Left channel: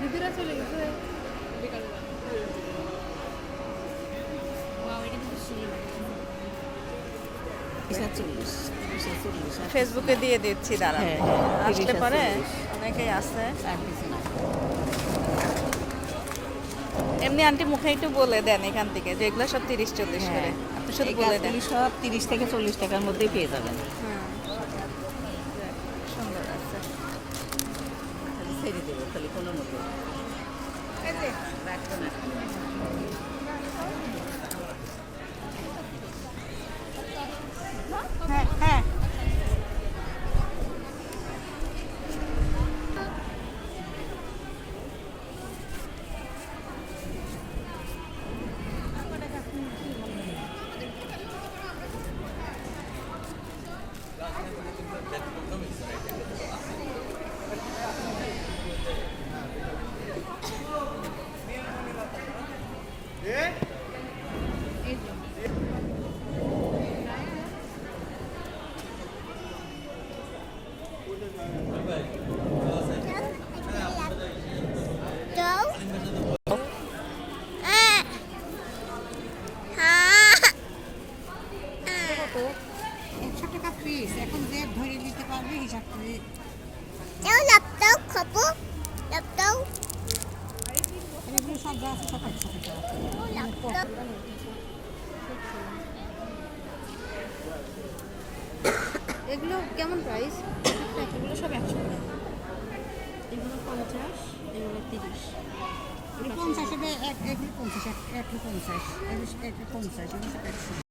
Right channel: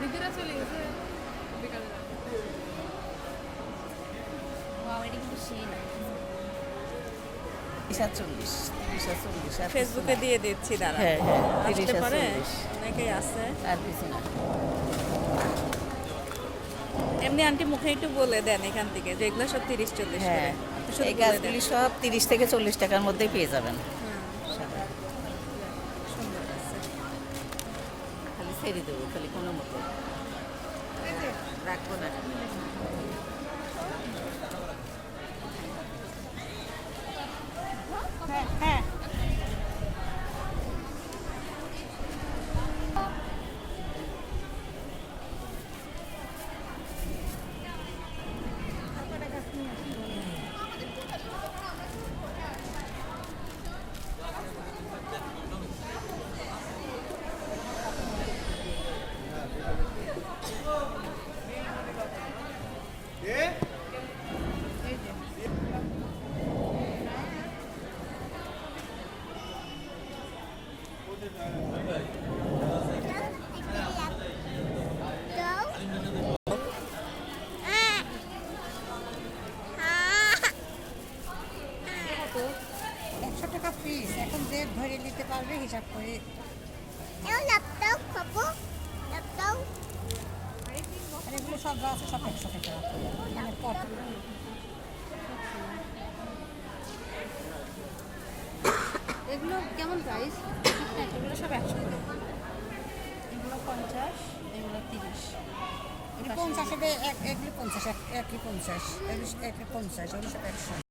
দিদিরা চলে গেছে বিকালে। ফেসবুকে দিয়ে দিচ্ছি, দাঁড়া হ্যাঁ, হ্যাঁ, আসলে 30 পারে, 40 অনেকেই আছে। আর কিছু না। এমনি আন্টি মুখে একটু বলে দেন এখান থেকে যে এগুলো সব 30-40 হ্যাঁ, করে, আপনি শুধু এই বলে দেন। গাছগুলি সব 30 থেকে 40 টাকার মধ্যেই পেয়ে যাবেন। হুম, সুন্দর আছে। খালি ছেড়ে দেবো, খালি কোনো মতো হ্যাঁ হ্যাঁ তো 100 টাকা পিস, এখন যে ধরে নিতে পারবে হিসাব করে। আর এগুলো সব যা আছে সব 100 টাকা। মানে এগুলো কেমন প্রাইস? এগুলো সব 100 টাকা। এগুলো 50, এগুলো 30। 50 এগুলো 50, 1 50, 1 50, 1 50, এগুলো সব 100।